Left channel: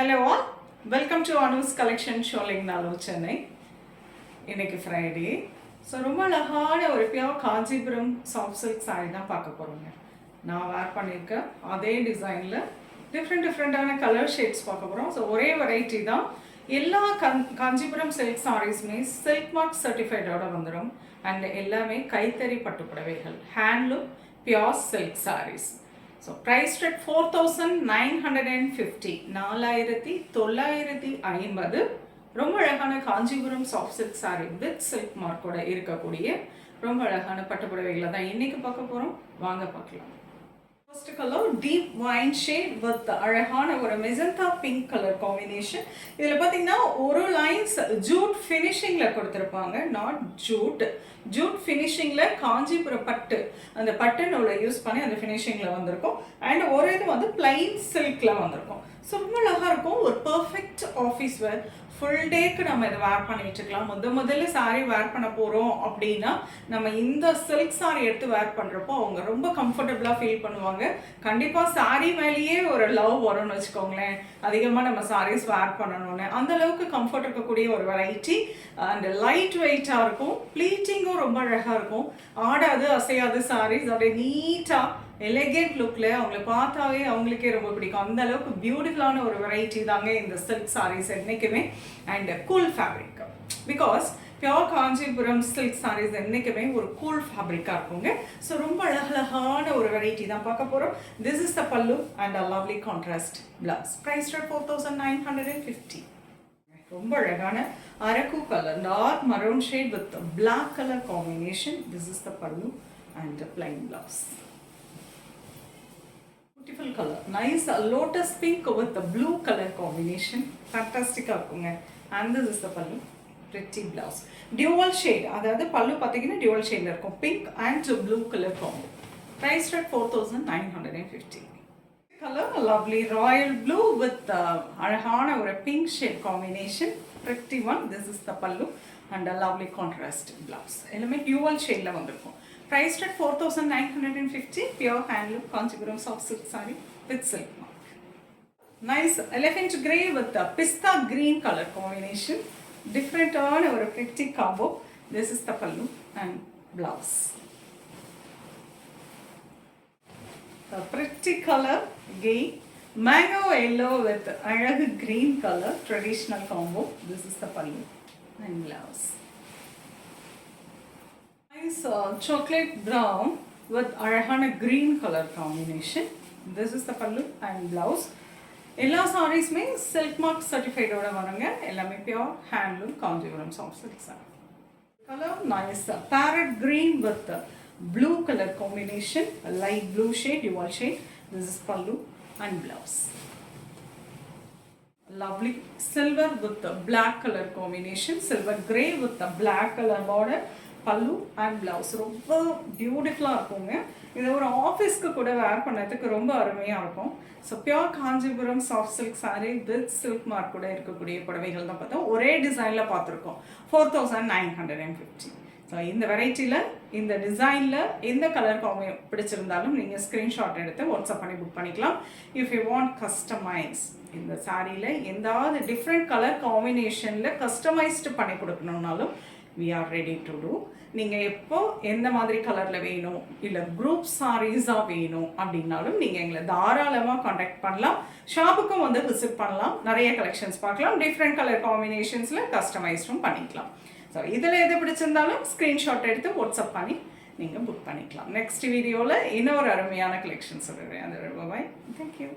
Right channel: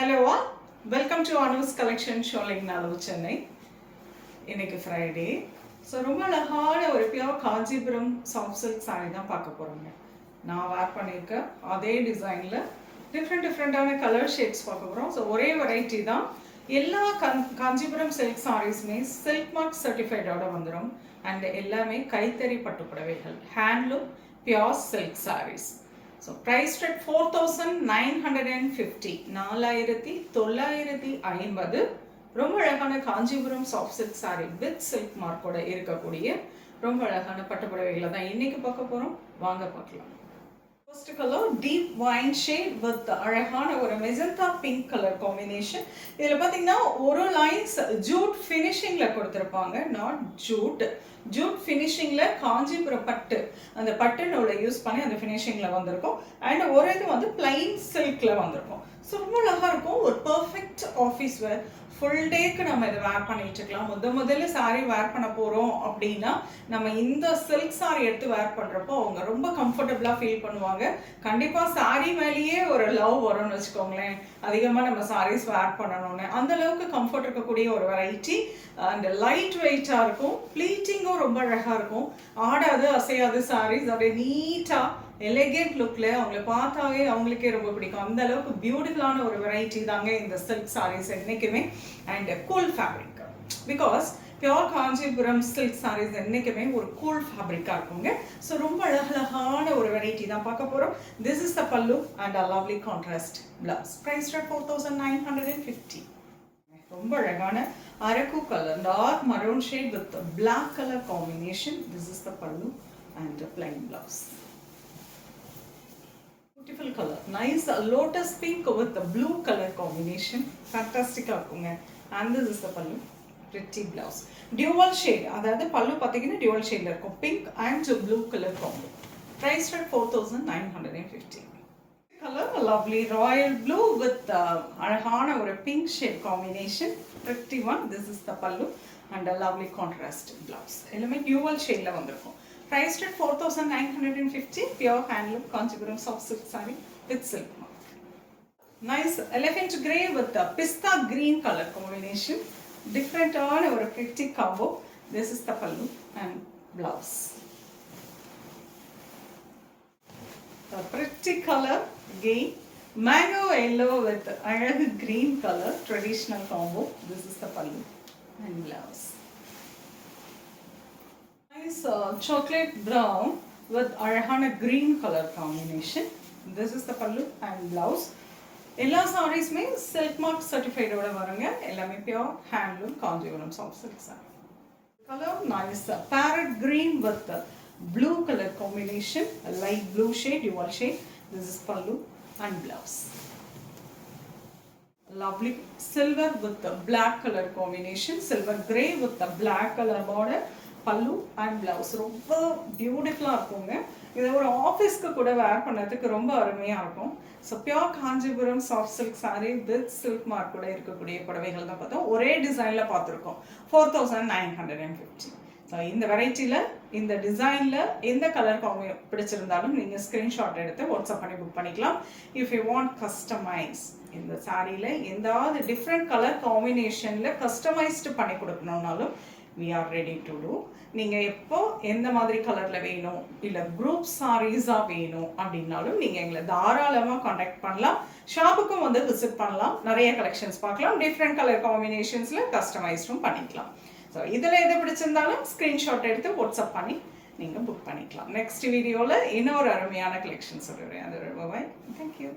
Hello all, welcome to Anu's collection showing Nalu Chennai. இன்னைக்கு Friday. So ரொம்ப அழகான ஒரு pure Kanchipuram soft silk sari தான் பார்க்க போகிறோங்க. நான் வேர் பண்ணியிருக்கேன் அதே டிசைனில் டிஃப்ரெண்ட்டான கலர் ஷேட்ஸ் பார்க்க போகிறோம். ஸோ ஒரே வெரைட்டி தான். எல்லா காஞ்சிபுரம் சில்க் சாரீஸுமே சில்க் மார்க் சர்டிஃபைடோட வந்துடும். அண்ட் எல்லாமே கைத்தறி பட்டுப்புடவைகள், handloom pure silk saris. So price rate 4,950, 4,950. ரொம்ப அழகான Kanchipuram soft silk sari with silk மார்க்கோட இருக்கக்கூடிய ரொம்ப அழகான பட்டுப்புடவைகளை தான் இன்னைக்கு பார்க்க போகிறோம். வாங்க பார்க்கலாம். First colour deep wine shade with அழகான ஒரு மெஜந்தா பிங்க் கலர் காம்பினேஷன். இதில் பார்த்தீங்கன்னா ஒரு லைன்ஸ் ஜூட் ஃபினிஷிங்கில் கொடுத்துருப்பாங்க. நாட் ஜூட் ஃபினிஷிங்கில் காஞ்சிபுரம் பட்டு, அந்த பட்டு நூலை யூஸ் பண்ணி அந்த ஃபினிஷிங்கில் வந்திருக்கும். அண்ட் ஒரு இது வந்து பிளைன் சில்கில் வந்திருக்கும். ஸோ ரொம்ப அழகாக இருக்கும். ஒரு பர்ஃபெக்ட் ஆஃபீஸ் வேர், ஃபுல் டேக்கு நம்ம இதை வேர் பண்ணி வச்சுக்கலாம். முதல்ல சாரீ வேர் பண்ண போகிறோம் அப்படின்னா நம்ம இந்த சில்க் சாரீ எடுத்து வேர் பண்ணுறப்போ அவங்க ரொம்ப கம்ஃபர்டபுளாக ஃபீல் பண்ணுவாங்க. கண்டிப்பாக சாரீ மேலேயே ஒரு லவ் வரும்னு வச்சுக்கோங்களேன். அதிகமாக நம்ம சாரீஸ் வேர் பண்ணணும்னு அந்த அளவுக்கு கம்ஃபர்ட் இருக்கக்கூடிய ஒரு வெரைட்டி. அண்ட் லைட் வெயிட்டாக இருக்கும். ப்ளீட்டிங்கும் ரொம்ப அழகாக இருக்கும். ஆடாது அசையாது சாரீஸ், அப்படியே நீட்டாக எலகேண்ட் லுக்கில் அவங்கள பார்த்தாவே அவங்களுக்கே ரொம்ப பிடிக்கும். அந்த அளவுக்கு பியூட்டிஃபுல்லான ஒரு வெரைட்டி தாங்க இந்த சில்க் சாரீஸ் என்றைக்குமே. And cool fabric, because pure Kanchipuram silk saris என்றைக்குமே ஒரு கூல் ஃபேப்ரிக்காக இருக்குங்க. ஸோ ரொம்ப அழகழகான ஒரு வெரைட்டி தான் பார்க்க போகிறோம். This is the pallu and a lovely contrast blouse. Price rate 4,950. ரொம்ப அழகான அரக்கு colour, dark maroon shade with black colour combination. This is the pallu and plain blouse. Beautiful color, nice lotus pink with the blue color combination. Fantastic இருக்குங்க. And this is the pallu, pretty blouse. Dual shade, அதாவது பல்லு பார்த்தீங்கன்னா dual shadeல இருக்கும். Pink and blue color combo. Price rate 4,950. Color lovely royal blue with அழகான ஒரு pink shade combination. Pretty one. This is the pallu and a lovely contrast blouse. எல்லாமே dual shadeல வந்திருக்கும். Price at 4,950, pure handloom Kanchipuram soft silk saree with silk mark. Nice elephant grey with the pista green color combination. Different on or a pretty combo. This is the pallu and blouse. A pretty color again, mango yellow with another green color, traditional combo. This is the pallu and blouse. Nice chocolate brown with arahana green color combination. This is the pallu and blouse. எல்லா சாரீஸ்மே silk mark சர்டிஃபைடோட வருங்க. எல்லாமே pure handloom Kanchipuram soft silk sorry. Colour nice parrot green with blue color combination, a light blue shade, dual shade. This is pallu and blouse. Lovely silver with the black color combination, silver grey with the black color border. பல்லு and blouse ரொம்ப பியூட்டிஃபுல்லாக இருக்குங்க. இதை ஒரு ஆஃபீஸ்க்கு கூட வேர் பண்ணுறதுக்கு ரொம்ப அருமையாக இருக்கும். So pure Kanchipuram soft silk sari with silk mark கூட இருக்கக்கூடிய புடவைகள் தான் பார்த்தோம். ஒரே டிசைனில் பார்த்துருக்கோம். 4,950. ஸோ இந்த வெரைட்டியில் இந்த டிசைனில் எந்த கலர் காம்பி பிடிச்சிருந்தாலும் நீங்கள் ஸ்க்ரீன்ஷாட் எடுத்து வாட்ஸ்அப் பண்ணி புக் பண்ணிக்கலாம். இஃப் யூ வாண்ட் கஸ்டமைஸ், இந்த சாரியில் எந்தாவது டிஃப்ரெண்ட் கலர் காம்பினேஷனில் கஸ்டமைஸ்டு பண்ணி கொடுக்கணுன்னாலும் we are ready to do. நீங்கள் எப்போ எந்த மாதிரி கலரில் வேணும் இல்லை குரூப் சாரீஸாக வேணும் அப்படின்னாலும் நீங்கள் எங்களை தாராளமாக காண்டாக்ட் பண்ணலாம். ஷாப்புக்கும் வந்து விசிட் பண்ணலாம். நிறைய கலெக்ஷன்ஸ் பார்க்கலாம். டிஃப்ரெண்ட் கலர் காம்பினேஷன்ஸில் கஸ்டமைஸ்டும் பண்ணிக்கலாம். ஸோ இதில் எது பிடிச்சிருந்தாலும் ஸ்க்ரீன்ஷாட் எடுத்து வாட்ஸ்அப் பண்ணி நீங்கள் புக் பண்ணிக்கலாம். நெக்ஸ்ட் வீடியோவில் இன்னொரு அருமையான கலெக்ஷன்ஸ் சொல்லுவேன். அது பாய். தேங்க்யூ.